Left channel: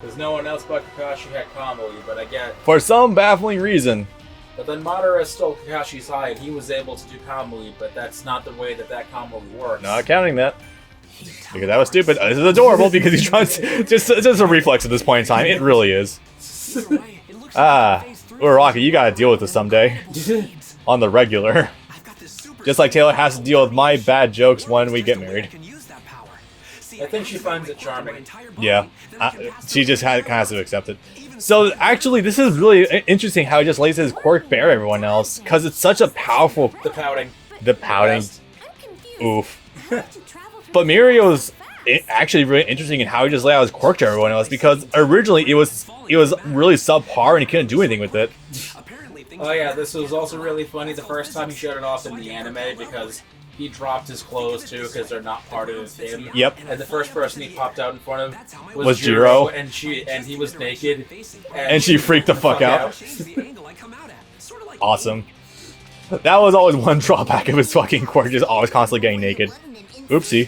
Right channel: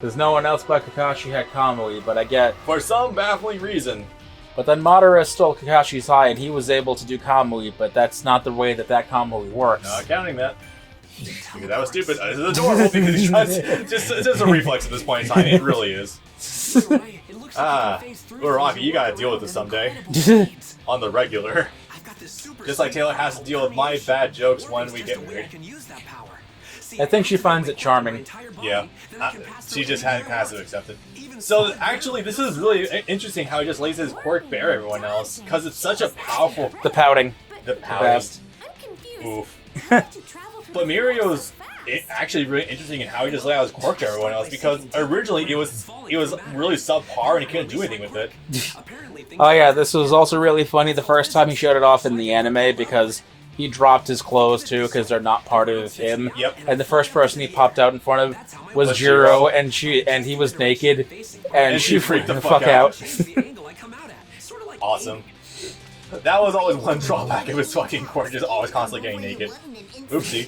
Because no one else but Kakashi had Kamui, but I get... For some baffling reason. But then Madara stole Kakashi's eye and he was able to do Kamui, but that's not the way that Kamui works. Not counting that. Because that was stupid. This is adorable because he's trying to... Just a reflex at this point in time. It really is. Uraraka, you gotta deal with this someday. On the regular. Just like Taylor has to deal with my bad jokes when we get married. I think she finds it charming. Yeah, she just has to accept it. So actually, this is really interesting how he just lays his quirk bare everyone else, because it's such a powerful... The pouting. The pouting. Oof. But Mirio's actually really interesting in how he just laid out his quirk to everyone else, because originally it was really subpar and he couldn't do anything with it. Oh yeah, this was also really funny the first time he showed it off in the anime, because he dropped his clothes too, because they're not part of him. Yep. And the first person he popped out in front of was Jiro, and he was naked, and she freaked the fuck out. Awesome. That was always one drawback of his fucking quirk, just always constantly getting naked. Oopsie.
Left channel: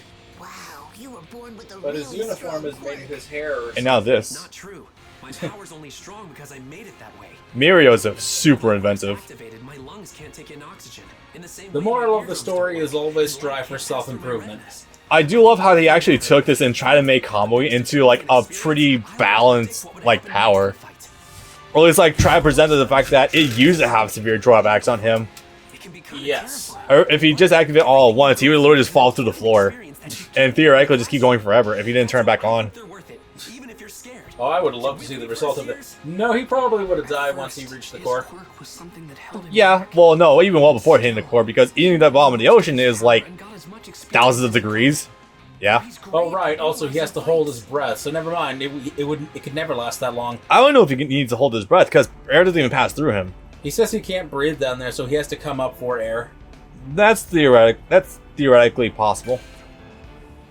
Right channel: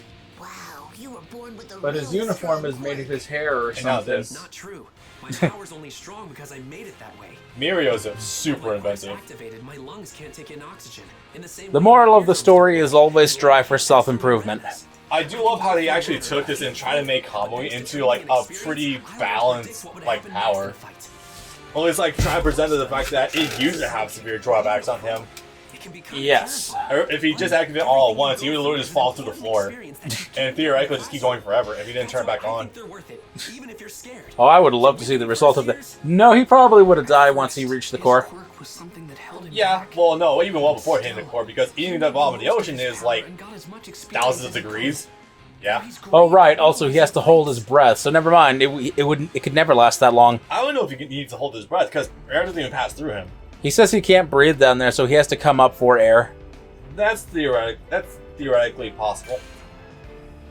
But his uniform is made of his hair or something. And now this. Not true. My power's only strong because I made it that way. Mirio's super inventive. My lungs can't take in oxygen. In the same The moral of the story is always strive for self-improvement. I do love how they actually took this and tried to make Kamui into like a pretty balanced like power. Or at least like try to present the fact that it used to have severe drawbacks on him. Yes. Or if he just activated all at once, he would literally just fall through the floor. And theoretically just keep going forever if he didn't turn it back on. Oh, I would love to see the result of that. No, he probably would have died once he reached the core. Yeah, well no, even well before hitting the core, because eating the bottom of the ocean is like thousands of degrees. Yeah. Oh right, also he has to hold his breath, so never mind, it could never last that long. I don't know if he needs to hold his breath, because air doesn't even pass through him. He says he can't breathe down there, so he has to come up for air. That's theoretically possible.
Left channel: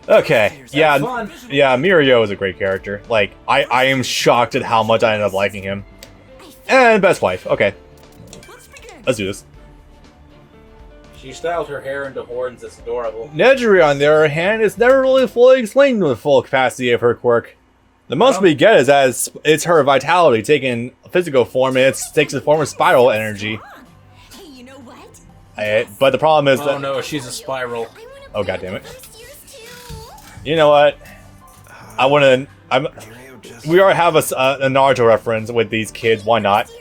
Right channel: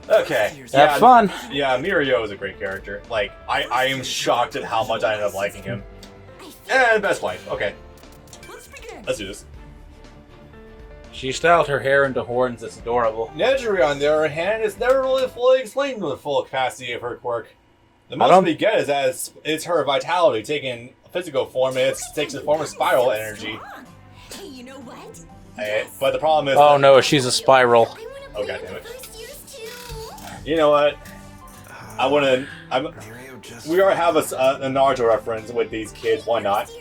Okay, yeah, fun. Yeah, Mirio is a great character. Like, I am shocked at how much I ended up liking him. And best wife. Okay, let's do this. She styled her hair into horns. It's adorable. Nejiri, on the other hand, is never really fully explained the full capacity of her quirk. The most we get is that it's her vitality taking physical form, and it takes the form of spiral energy. Hey, you know what? But the problem is that... no, she's a spiral. Oh, goddammit. You know what? We already have a Naruto reference with these kids, why not?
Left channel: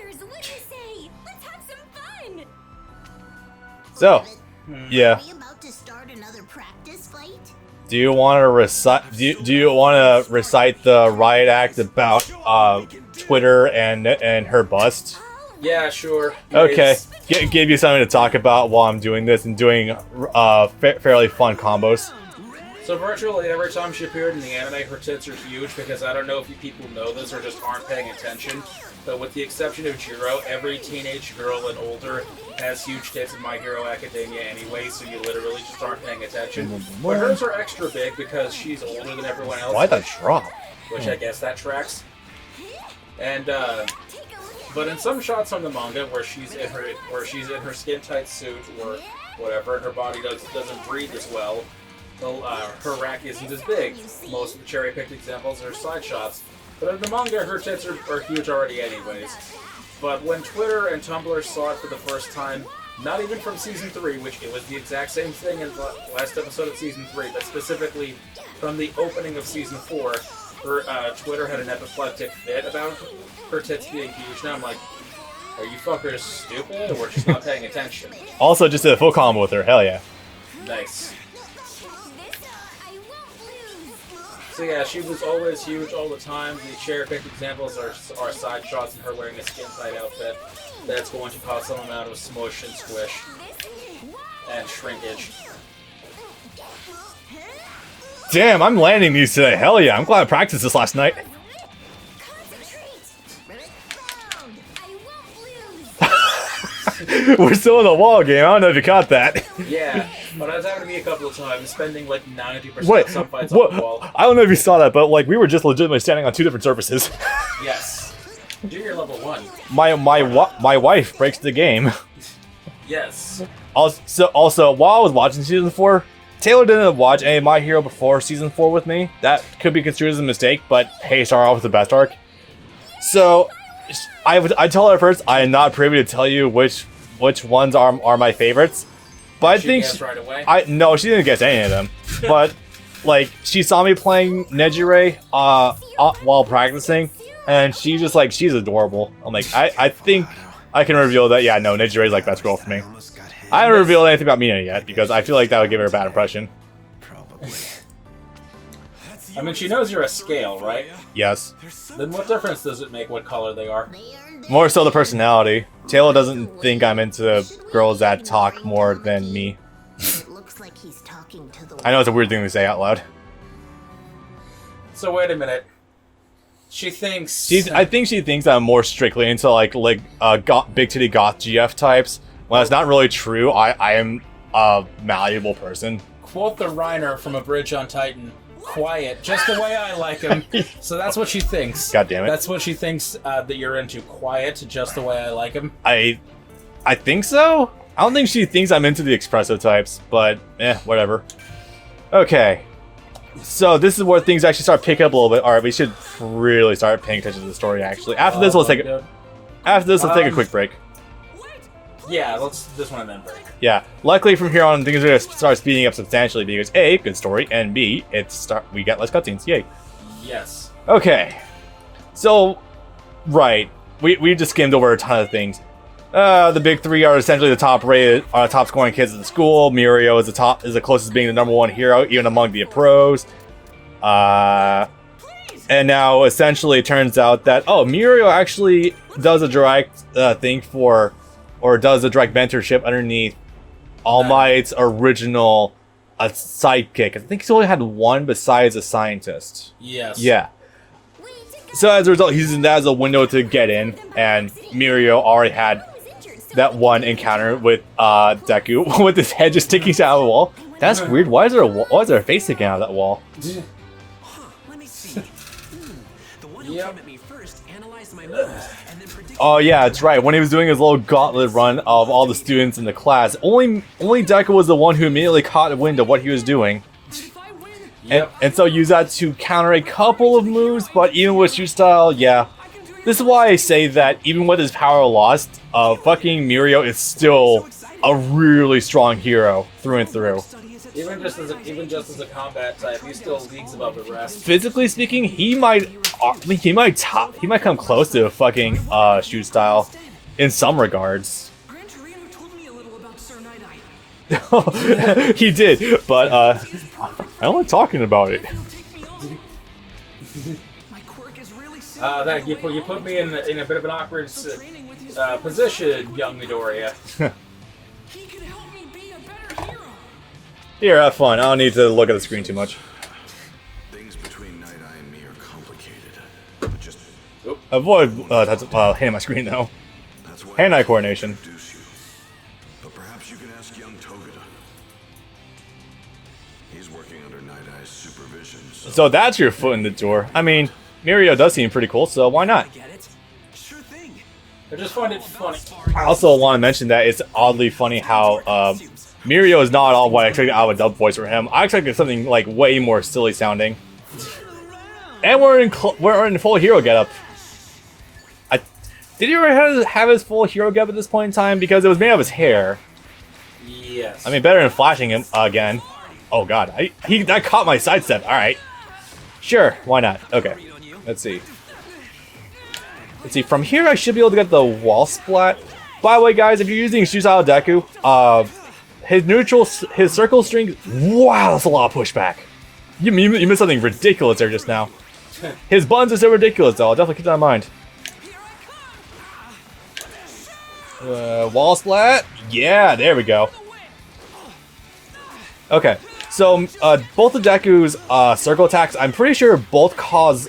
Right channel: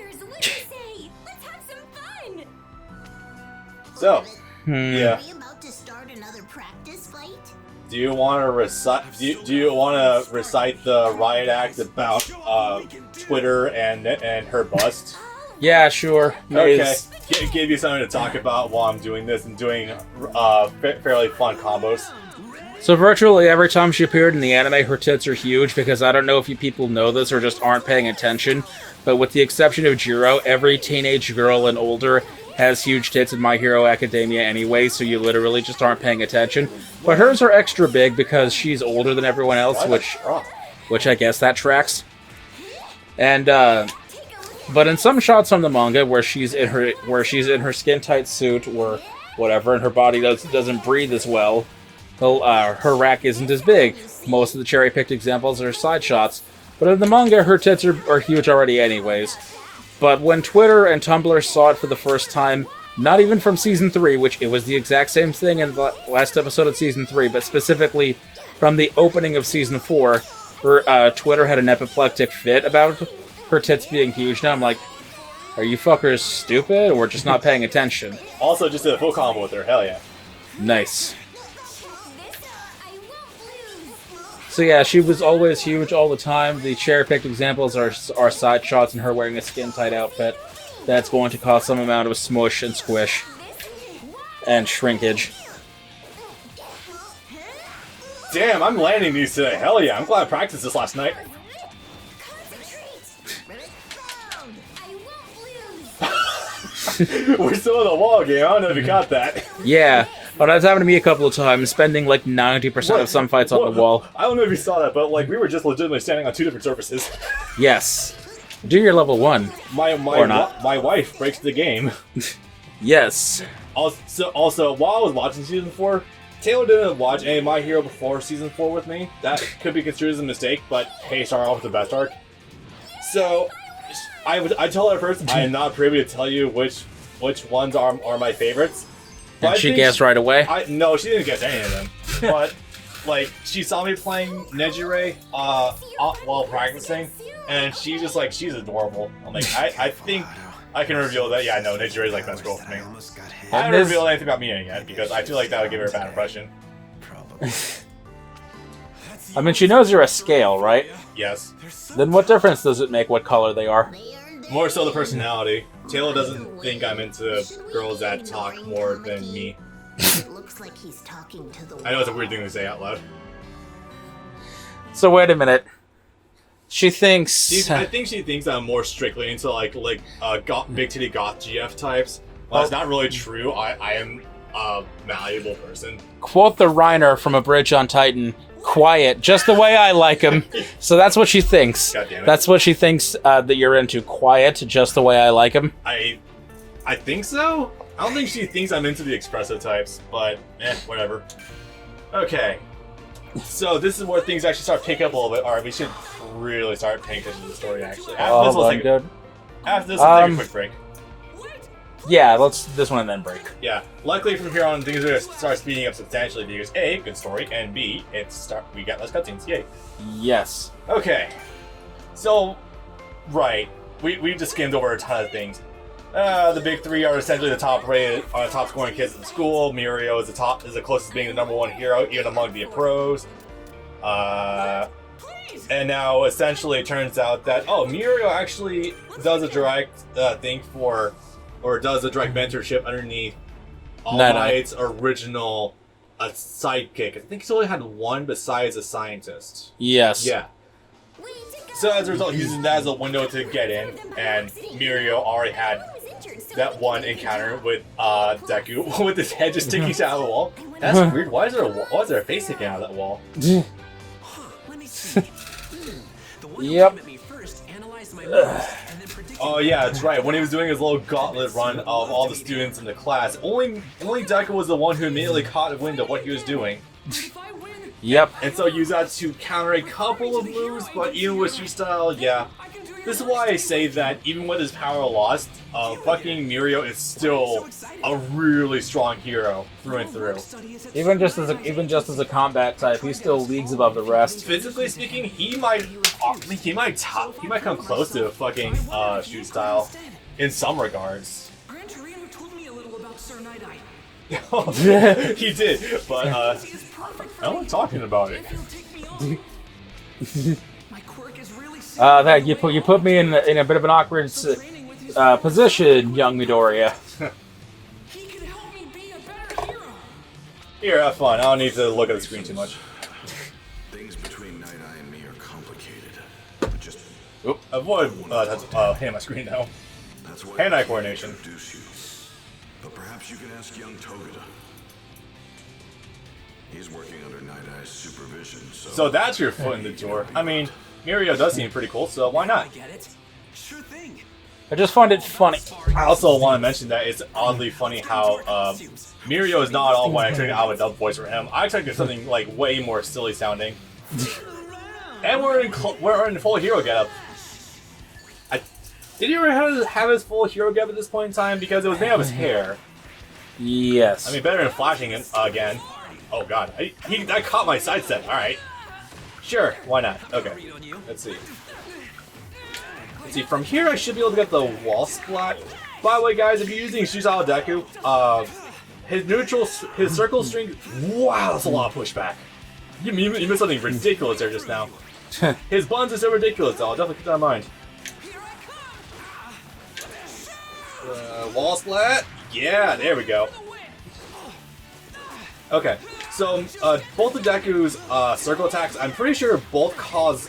So, yeah. Are we about to start another practice fight? Do you want to recite? Do you want to recite the riot act about Twitter and her bust? Yeah, sure. Okay, give you something to talk about while I'm doing this and doing fairly fun combos. So virtually every time she appeared in the anime, her tits are huge, because I don't know if you people know this or just aren't paying attention, but with the exception of Jiro, every teenage girl and older has huge tits in My Hero Academia anyway, so you literally just aren't paying attention. But hers are extra big because she's older than everyone else, which I guess that tracks. And but in some shots from the manga where she's in her skin tight suit or whatever, and her body doesn't breathe as well, her rack isn't as big. Most of the cherry picked examples are side shots, but in the manga her tits are huge already anyways. But when Twitter and Tumblr saw it for the first time, not even from Season 3, which it was the exact same thing in the last episode of Season 3, but specifically from the opening of Season 4, her Twitter had an apoplectic fit about her tits being huge. Now I'm like, are you fuckers stupid or just not paying attention? Also, just did a full combo with her, hell yeah. Nice. So yeah, she was always huge all the time. The cherry-picked examples are side shots and her wearing a skin-tight outfit. That's going to cause some amount of smush and squish. And shrinkage. Damn, I'm landing these today. Hell yeah, I'm glad I practiced this last night. We're still in the wall game, I don't know if you caught that. Yeah, but that's happened to me a couple of times, spending like 90% of some fights on the wall. I don't know if you saw that, but like we were just legitimately standing on two different surfaces. Yes. Junior level 1. My wife breaks the game. Yes. Also, while I was watching Season 4, Taylor didn't watch any of My Hero before Season 4 with me. That could be construed as a mistake, but hey, start off with the best arc. So, I told her first, I am not privy to tell you which ones are my favorites. But Did she guessed right away? No, she didn't guess any of them. But, like, she saw me playing Nejire while practicing, and she's just like, she's adorable. I'm like, I think I can reveal that, yeah, no, Nejire's like best girl for me. I haven't revealed anything about Mina yet, because I feel like that would give her a bad impression. Probably. I mean, she knows you're a scale, right? Yes. Then what difference does it make what color they are? More so the personality. Taylor doesn't think I'm into girls that talk more than me. It looks like he's talking to the I know it's a weird thing to say out loud. So wait a minute. She thinks... I think she thinks I'm more strictly into like big titty goth GF types. Well, that's not really true. I am a malleable person. Quote the Reiner from A Bridge on Titan. Quiet, just the way I like him. So that's what she thinks. God damn it. That's what she thinks that you're into. Quiet, just the way I like him. I think so. I don't think she thinks I'm into the expressive types, but whatever. Okay. So this is where things actually start picking up a little bit. All right, we should really start paying attention to the story. Actually, after this, let's take a quick break. Yeah, let's this one and then break. Yeah, luckily from here on things are gonna start speeding up substantially because A, good story, and B, we get less cutscenes. Yay. Yes. Okay. So, right, we just skimmed over a ton of things. The big three are essentially the top scoring kids in the school. Mirio is the closest to being the #1 hero, even among the pros. And now essentially it turns out that Mirio actually does a direct thing does a direct mentorship underneath All Might's original sidekick. I think he's only had one besides a scientist. Yes. Yeah. So as a result, he's using that as a window to get in, and Mirio already had that one encounter with Deku with his head just sticking out of the wall. That's weird. Why is there a face sticking out of that wall? Let me see. The one who Yep. came at me first analyzed my moves and then predicted. Oh yeah, that's right. When he was doing his little gauntlet run of all the students in the class, only Deku was the one who immediately caught wind of what he was doing. But if I win, Yep. And so use that to counter a couple of moves, but even with shoot style, yeah. This is why I say that even with his power lost, fucking Mirio is still a really strong hero through and through. Even just as a combat type, he's still leagues above the rest. Physically speaking, he might come close to fucking shoot style in some regards. Gran Torino told me a little about Sir Night-Eye. He did, but I don't like talking about it. He'll take me on. My quirk is really sick. That you put me in a bit of an awkward position, young Midoriya. He could help me be a better hero. Here, have fun. I don't need to look at the screen too much. Things between Night-Eye and me are complicated. But just Avoid hitting my screen though. that's why Hand-eye I coordination. introduce you. But perhaps you can ask young Togeda. He's working under Night-Eye's supervision, So that's your foot in the door. I mean, Mirio does seem pretty cool, so why I not? get it. Sure thing. I just find it funny. I also want to mention that it's oddly funny how Mirio is not all what I expected out of a dub voice for him. I expected something like way more silly sounding. And we're in full hero getup. Did he already have his full hero getup at this point in time? Because it was made of his hair. Yes. I mean, better than flashing him again. Oh god, that caught my sidestep. All right, sure, why not? Okay, let's see. From here I should be able to get the wall splat. By the way, guys, if you're using Shusao Deku, his circle string. Wow, that's a lot of pushback. You missed something ridiculous there just now. His buttons are so ridiculous, though. I'll definitely keep that in mind. Wall splat. Yeah, there we go. Okay, so both of Deku's circle attacks, I'm pretty sure both cause...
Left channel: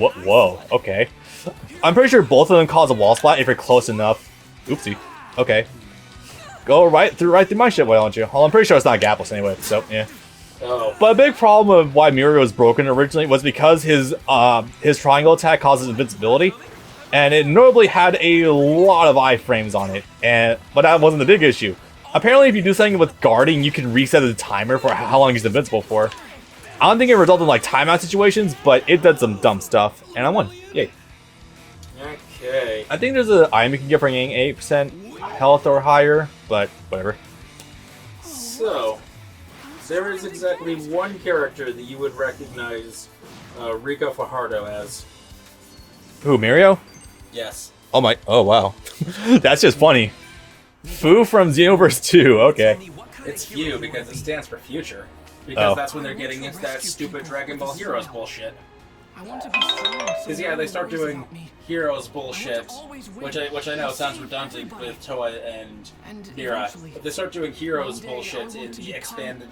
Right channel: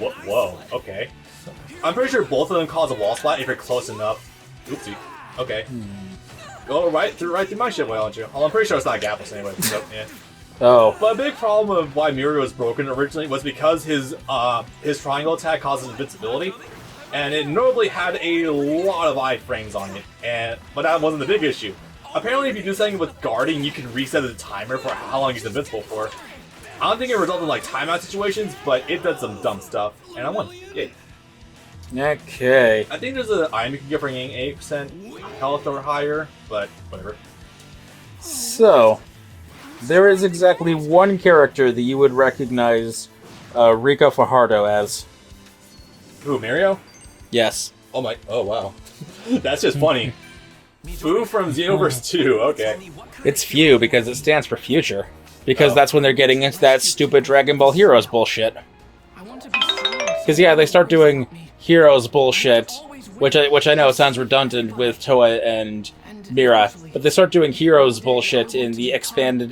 Whoa, okay. I'm pretty sure both of them cause a wall splat if you're close enough. Oopsie. Okay. Go right through my shit, why don't you? Well, I'm pretty sure it's not gapless anyway, so yeah. Oh. But a big problem of why Mirio was broken originally was because his triangle attack causes invincibility, and it notably had a lot of iframes on it. But that wasn't the big issue. apparently if you do something with guarding, you can reset the timer for how long he's invincible for. I don't think it resulted in like timeout situations, but it did some dumb stuff, and I won. Yay. Okay. I think there's an item you can get for getting 8% health or higher, but whatever. So, there is exactly one character that you would recognize Rico Fajardo as. Who, Mario? Yes. Oh my, oh wow. That's just funny. Fu from Xenoverse 2, okay. It's few because it stands for future. Because that's when they're getting into that stupid Dragon Ball Heroes bullshit. Because yeah, they start doing Heroes bullshit, which I know sounds redundant with Toa and Mira, but they start doing Heroes bullshit in the expanded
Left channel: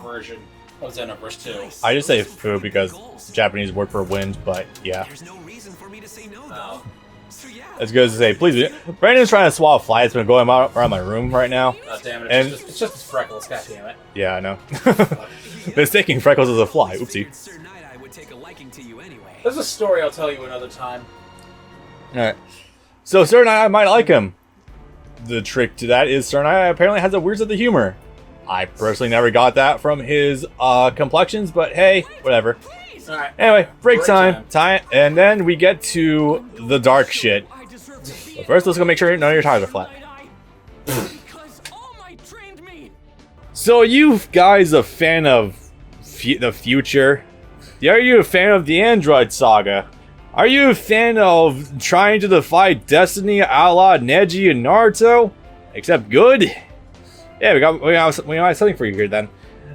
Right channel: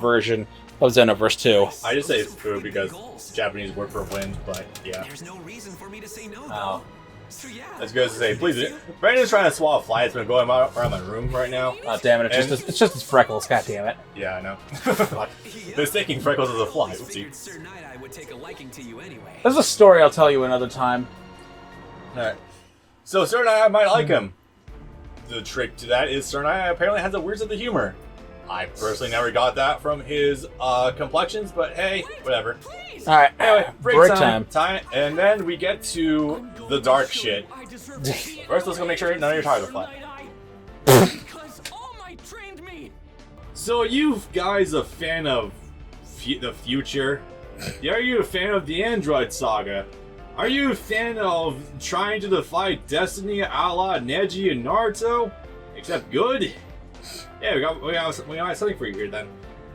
version of Xenoverse 2. I just say Fu because it's a Japanese word for wind, but yeah. There's no reason for me to say no, though. So yeah. It's good to say, please. Brandon's trying to swallow a fly. It's been going around my room right now. Oh, damn it. It's just his freckles. God damn it. Yeah, I know. Mistaking freckles as a fly. Oopsie. Sir Night-Eye would take a liking to you anyway. That's a story I'll tell you another time. Alright. So, Sir Night-Eye might like him. The trick to that is Sir Night-Eye apparently has a weird sense of humor. I personally never got that from his complexions, but hey, whatever. Alright. Anyway, break time. And then we get to the dark shit. So first, let's go make sure none of your tires are flat. So, you guys a fan of the future? Are you a fan of the Android Saga? Are you a fan of trying to defy destiny a la Neji and Naruto? Except good? Yeah, we got something for you here then.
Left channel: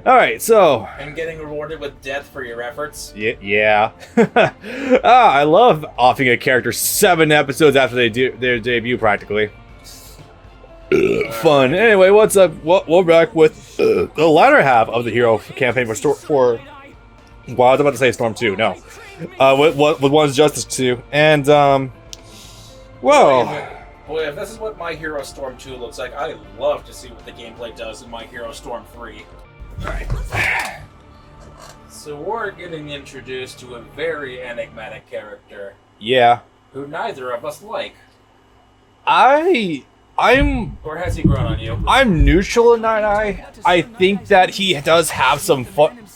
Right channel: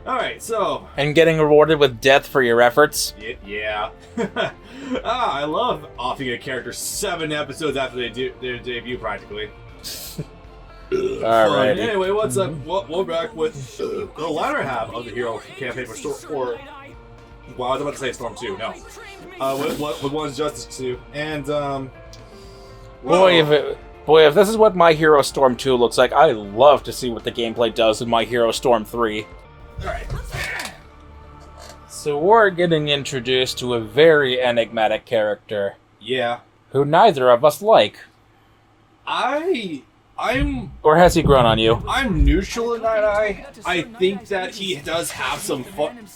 Alright, so... And getting rewarded with death for your efforts? Yeah. I love offing a character 7 episodes after they do their debut, practically. Fun. Anyway, what's up? We're back with the latter half of the hero campaign for well, I was about to say Storm 2, no. With One's Justice 2. And, well... Boy, if this is what My Hero Storm 2 looks like, I love to see what the gameplay does in My Hero Storm 3. Alright. So we're getting introduced to a very enigmatic character. Yeah. Who neither of us like. Or has he grown on you? I'm neutral in Night-Eye. I think that he does have some fun.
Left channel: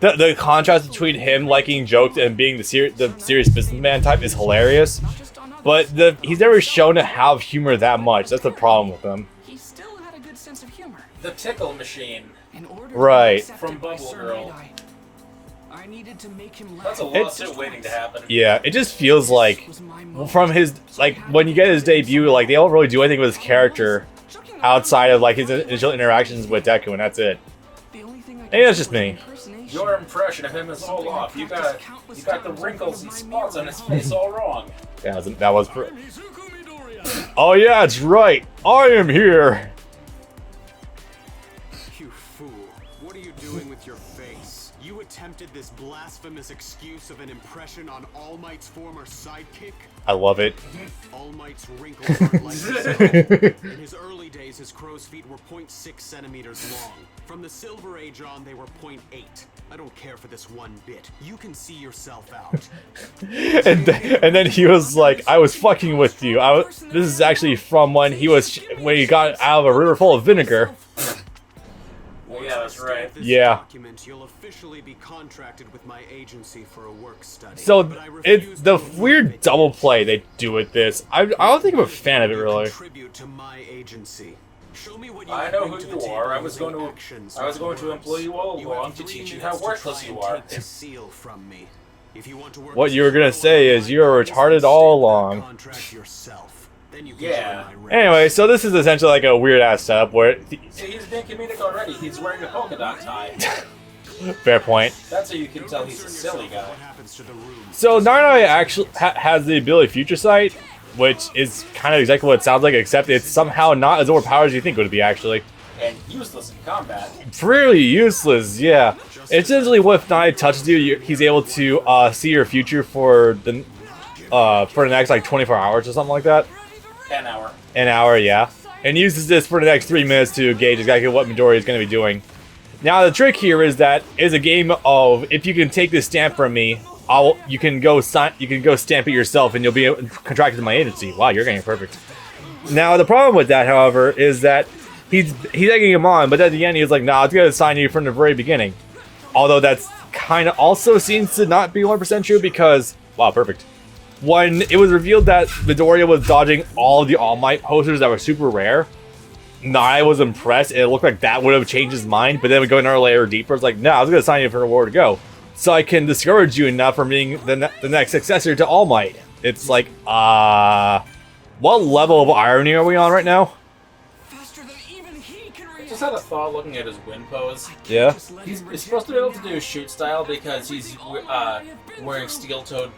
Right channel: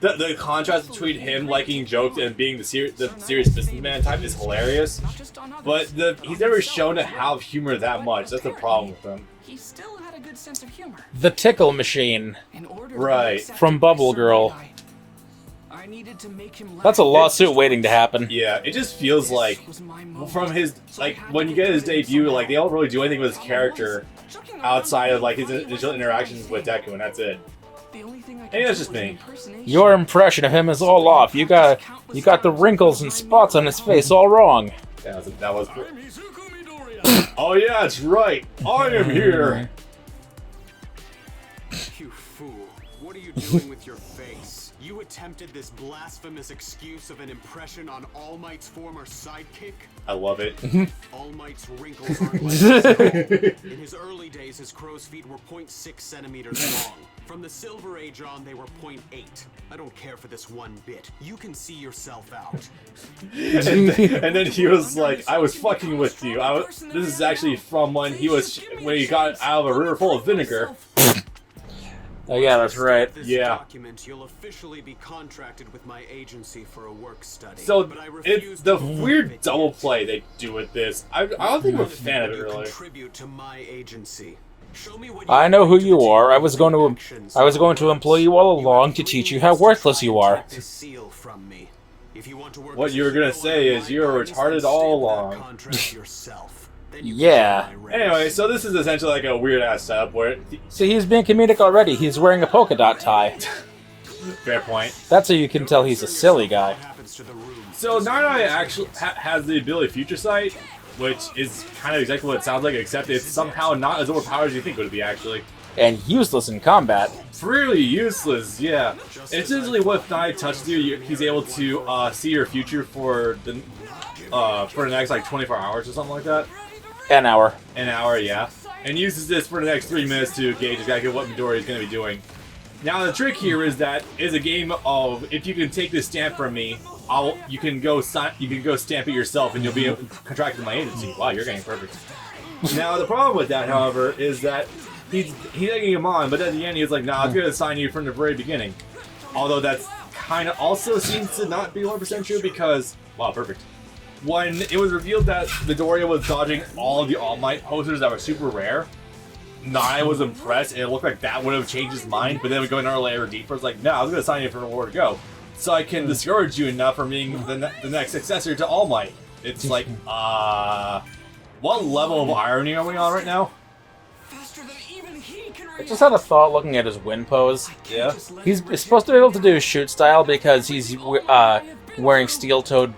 The contrast between him liking jokes and being the serious businessman type is hilarious. But he's never shown to have humor that much. That's the problem with him. He still had a good sense of humor. The Tickle Machine. Right. From Bubble Girl. I needed to make him laugh. That's a lawsuit waiting to happen. Yeah, it just feels like from his when you get his debut, like they don't really do anything with his character outside of like his initial interactions with Deku, and that's it. Maybe that's just me. Your impression of him is all off. You got the wrinkles and spots on his face all wrong. Yeah, that was. Oh yeah, it's right. I am here. You fool! What are you doing with your face? You attempted this blasphemous excuse of an impression on All Might's former sidekick? I love it. All Might's wrinkles aren't like his own. In his early days, his crow's feet were 0.6 centimeters long. From the Silver Age on, they were 0.8. I don't care for this one bit. You can see yourself out. and then he was like, I was fucking with you. This is actually from when he got out of a river full of vinegar. Oh yeah, that's right. Yeah. Document, you'll officially be contracted with my agency for a work study. So it's the weird double play they do with this. I don't think I'm a fan of it really. Contribute to my agency. Show me what I know who you are. I was going to employ you all along to teach you how worthless you are. What you were gonna say is you're retarded all along. Yeah. Anyway, so this is essentially like a weird ass setup where. So he's being comedic already. He's wearing a polka dot tie. Fair point. That's how you can tell he's a silly guy. So Night-Eye actually has the ability Future Sight, which is kind of exactly what it sounds like, except it's somehow not as overpowered as you think it would be actually. And useless in combat. Pretty useless, yeah. Essentially, what Night-Eye touches you, he's able to see your future for the next like 24 hours or something like that. An hour, yeah. And uses this for the next 3 minutes to gauge exactly what Midori is going to be doing. Now, the trick here is that it's a game of if you can take this stamp from me, you can go stamp it yourself, and you'll be contracted to my agency. Wow, you're getting perfect. Now the problem with that, however, is that he's egging him on, but at the end he's like, "Nah, I'm gonna sign you from the very beginning." Although that's kind of also seems to not be 100% true because wow, perfect. When it was revealed that Midoriya was dodging all of the All Might posters that were super rare, Nai was impressed. It looked like that would have changed his mind, but then we go another layer deeper. It's like, "No, I was gonna sign you for where to go, so I can discourage you enough from being the next successor to All Might." It's like, what level of irony are we on right now? Faster than even he can react. Just had a thought looking at his win pose. Yeah. He's supposed to be able to do shoot style because he's wearing steel-toed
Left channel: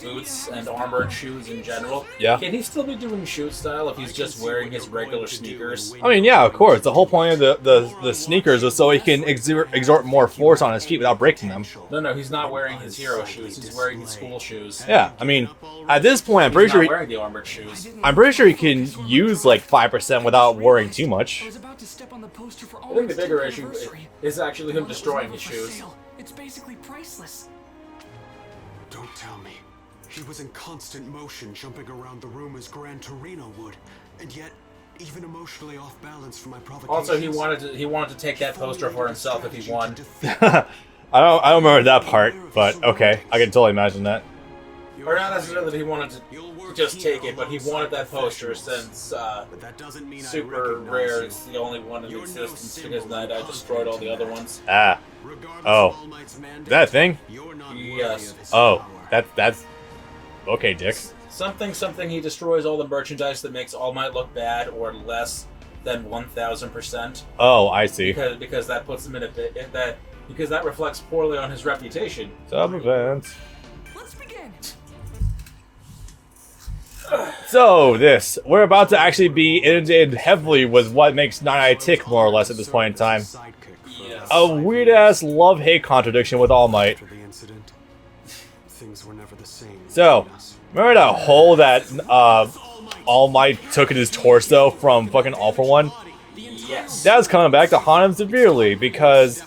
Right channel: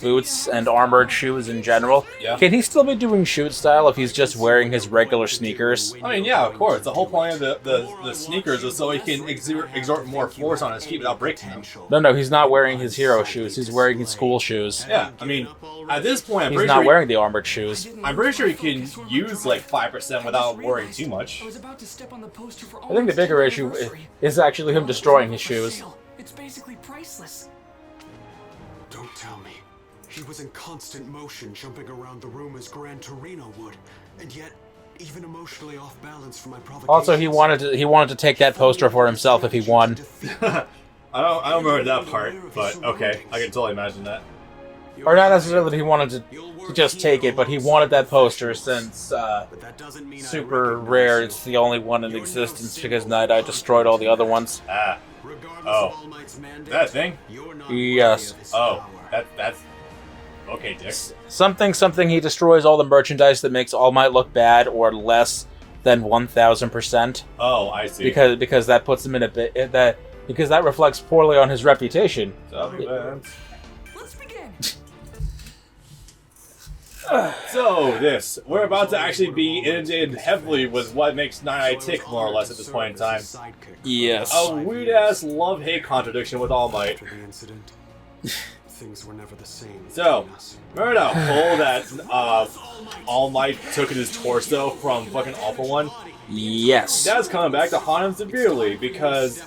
boots and armored shoes in general. Yeah. Can he still be doing shoot style if he's just wearing his regular sneakers? I mean, yeah, of course. The whole point of the sneakers is so he can exert more force on his feet without breaking them. No, he's not wearing his hero shoes. He's wearing his school shoes. Yeah, I mean, at this point, I'm He's pretty not sure wearing the armored shoes. he can use like 5% without worrying too much. I was about to step on the poster for I think the bigger issue is actually him destroying his shoes. It's basically priceless. Don't tell me. He was in constant motion, jumping around the room as Gran Torino would, and yet even emotionally off balance for my provocations. Also, he wanted to take that poster for himself if he won. I don't remember that part, but okay, I can totally imagine that. Or not necessarily that he wanted to just take it, but he wanted that poster since But that doesn't mean super rare. It's the only one in existence because Night Eye destroyed all the other ones. Ah. Oh. That thing? Yes. Oh, that's okay, Dick. Something he destroys all the merchandise that makes All Might look bad or less than 1,000%. Oh, I see. Because that puts him in a bit because that reflects poorly on his reputation. Let's begin. So we're about to actually be inundated heavily with what makes Night Eye tick more or less at this point in time. Yes. A weird ass love-hate contradiction with All Might. After the incident, things were never the same. So, between us. remember that hole that All Might took in his torso from fucking All For One? Yes. That's coming back to haunt him severely because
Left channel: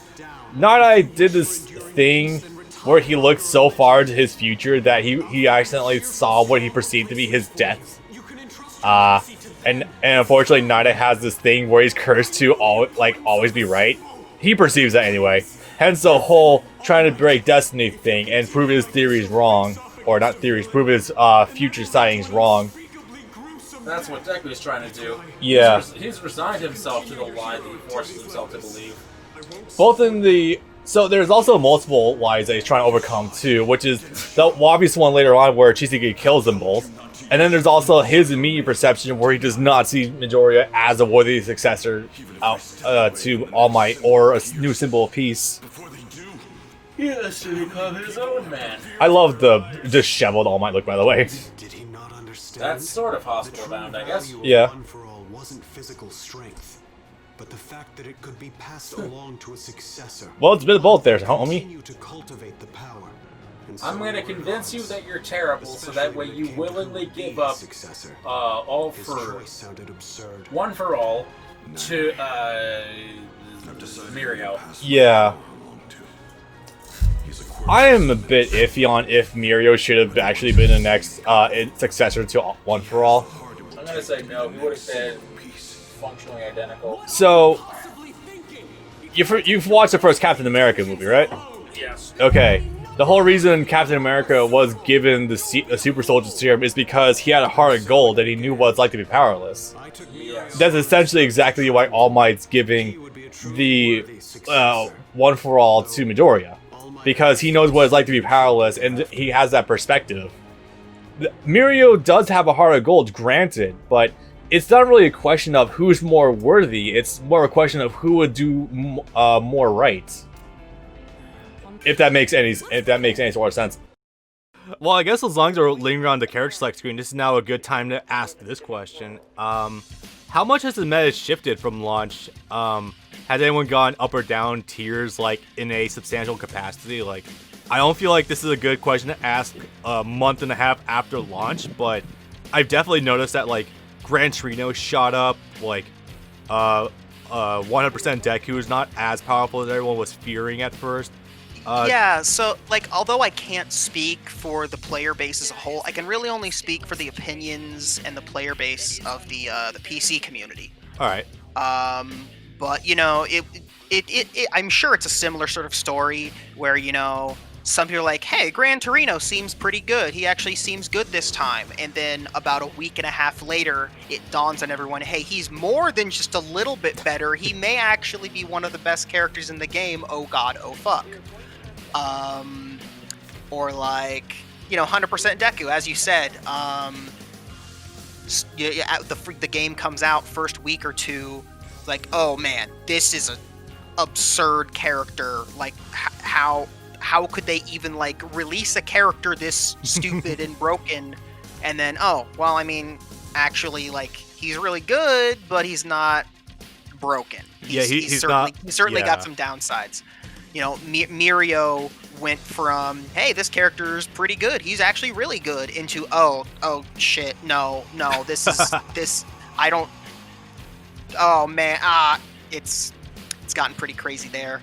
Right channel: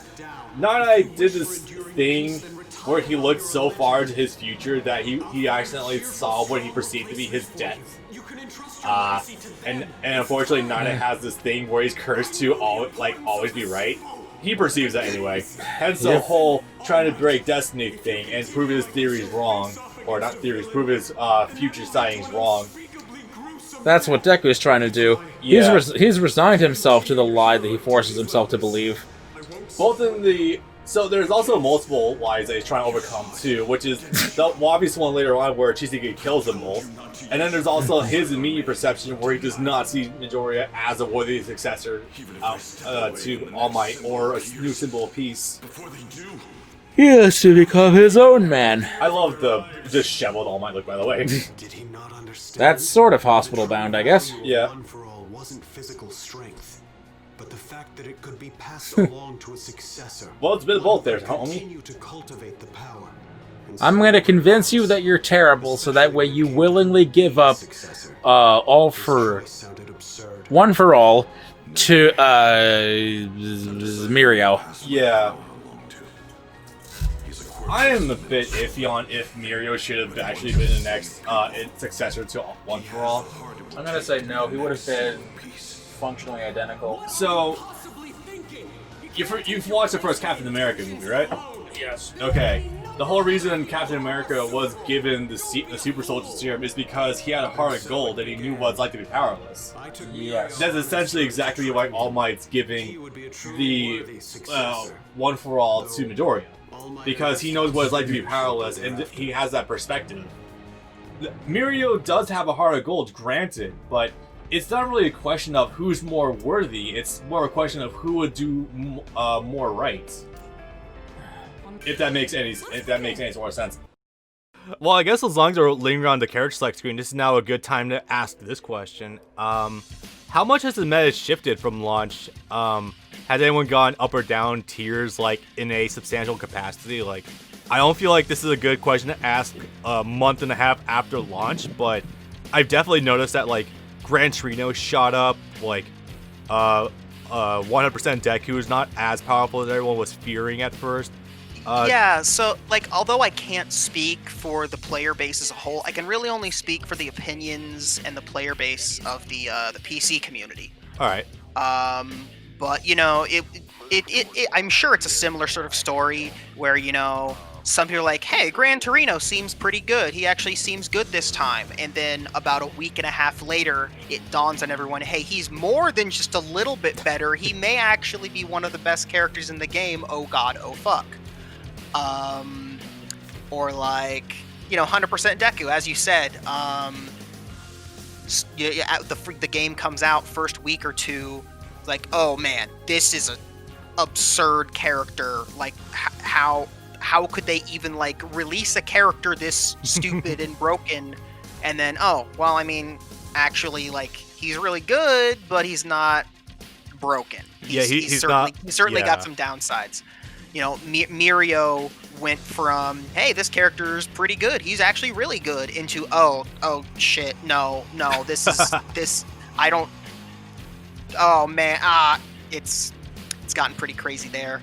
Night Eye did this thing where he looked so far into his future that he accidentally saw what he perceived to be his death. And unfortunately, Night Eye has this thing where he's cursed to always be right. He perceives that anyway. Hence the whole trying to break destiny thing and prove his theories wrong, or not theories, prove his future sightings wrong. That's what Deku is trying to do. Yeah. He's resigned himself to the lie that he forces himself to believe. Both in the... So there's also multiple lies that he's trying to overcome too, which is the obvious one later on where Chisaki kills them both. And then there's also his immediate perception where he does not see Midoriya as a worthy successor to All Might or a new symbol of peace. He has to become his own man. I love the disheveled All Might look, by the way. Did he not understand? That's sort of hospital bound, I guess. Yeah. One for all wasn't physical strength, but the fact that it could be passed along to a successor. Well, it's been both there, homie. Continue to cultivate the power. And I'm going to convince you that you're terrible, so that way you willingly give up all for one for all to Mirio. Yeah. I am a bit iffy on if Mirio should have actually been the next successor to One For All. I'm going to say no, he would have been functionally identical. So, you've watched the first Captain America movie, right? Yes. Okay. The whole reason Captain America was given the Super Soldier Serum is because he had a heart of gold and he knew what it's like to be powerless. Yes. That's essentially exactly why All Might's giving the One For All to Midoriya. Because he knows what it's like to be powerless and he has that perspective. Mirio does have a heart of gold, granted, but it's not really a question of who's more worthy, it's more a question of who would do more right. If that makes any sort of sense. Well, I guess as long as we're lingering on the character select screen, this is now a good time to ask this question. How much has the meta shifted from launch? Has anyone gone up or down tiers, like, in a substantial capacity? Like, I don't feel like this is a good question to ask a month and a half after launch, but I've definitely noticed that, like, Gran Torino shot up, like, 100% Deku is not as powerful as everyone was fearing at first. Yeah, so, like, although I can't speak for the player base as a whole, I can really only speak for the opinions and the player base of the PC community. All right. But, you know, I'm sure it's a similar sort of story where, you know, some people are like, hey, Gran Torino seems pretty good. He actually seems good this time. And then about a week and a half later, it dawns on everyone, hey, he's more than just a little bit better. He may actually be one of the best characters in the game. Oh, God, oh, fuck. Or like, you know, 100% Deku, as you said. The game comes out first week or two, like, oh man, this is an absurd character. Like, how could they even like release a character this stupid and broken? And then, oh well, I mean, actually, like, he's really good, but he's not broken. He's certainly got some downsides. You know, Mirio went from, hey, this character's pretty good, he's actually really good, into, oh shit, no, this, I don't, oh man, it's gotten pretty crazy there.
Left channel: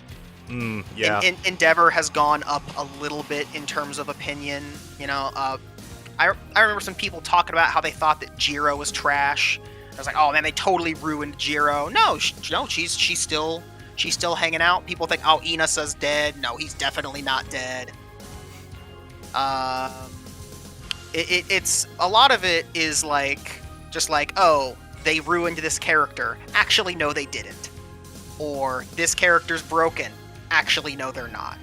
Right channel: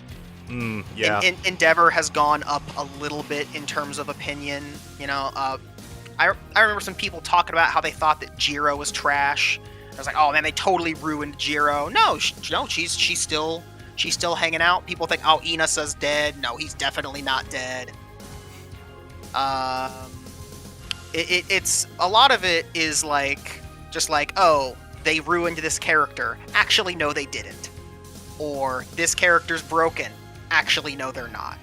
Yeah. Endeavor has gone up a little bit in terms of opinion. You know, I remember some people talking about how they thought that Jiro was trash. I was like, oh man, they totally ruined Jiro. No, she's still hanging out. People think, oh, Inasa's dead. No, he's definitely not dead. It's a lot of it is like, just like, oh, they ruined this character. Actually, no, they didn't. Or this character's broken. Actually, no, they're not.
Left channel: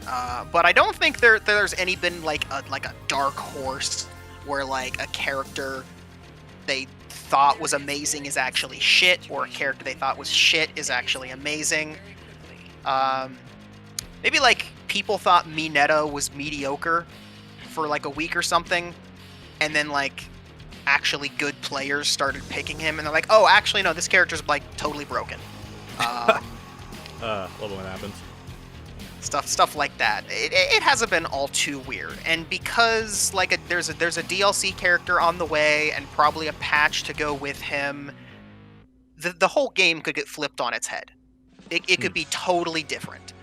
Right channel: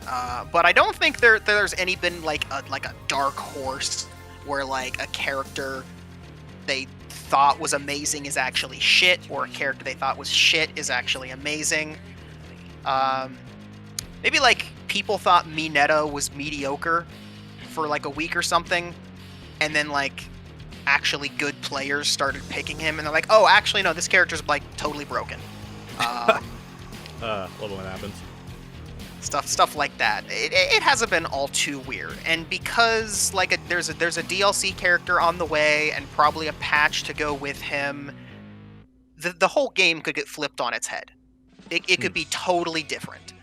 But I don't think there's been like a dark horse where like a character they thought was amazing is actually shit, or a character they thought was shit is actually amazing. Maybe like people thought Mineta was mediocre for like a week or something, and then like actually good players started picking him, and they're like, oh, actually no, this character's like totally broken. Love it when that happens. Stuff like that. It hasn't been all too weird, and because like there's a DLC character on the way and probably a patch to go with him, the whole game could get flipped on its head. It could be totally different.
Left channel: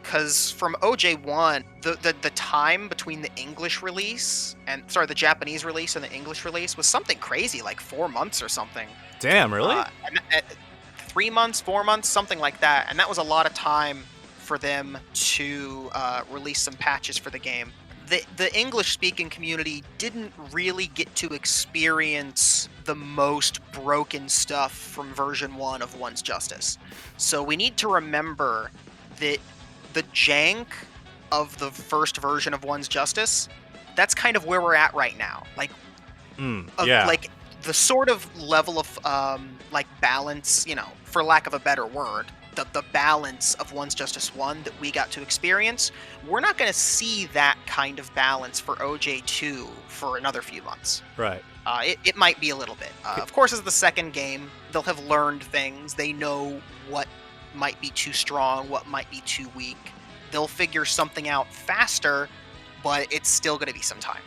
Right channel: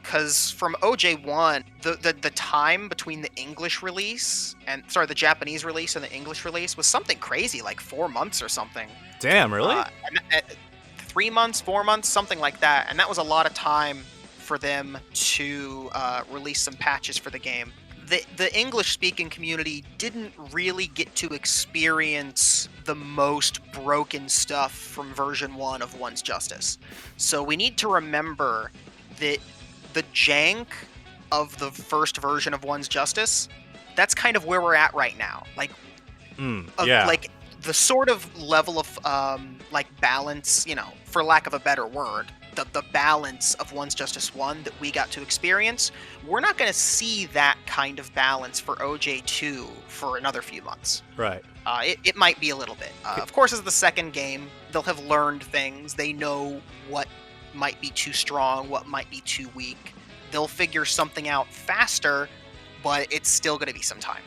Because from OJ1, the time between the English release the Japanese release and the English release was something crazy, like 4 months or something. Damn, really? 3 months, 4 months, something like that. And that was a lot of time for them to release some patches for the game. The English-speaking community didn't really get to experience the most broken stuff from version 1 of One's Justice. So we need to remember that the jank of the first version of One's Justice, that's kind of where we're at right now. Like, like the sort of level of like balance, you know, for lack of a better word, the balance of One's Justice 1 that we got to experience, we're not going to see that kind of balance for OJ2 for another few months. Right. It might be a little bit. Of course, as the second game, they'll have learned things. They know what might be too strong, what might be too weak. They'll figure something out faster, but it's still going to be some time.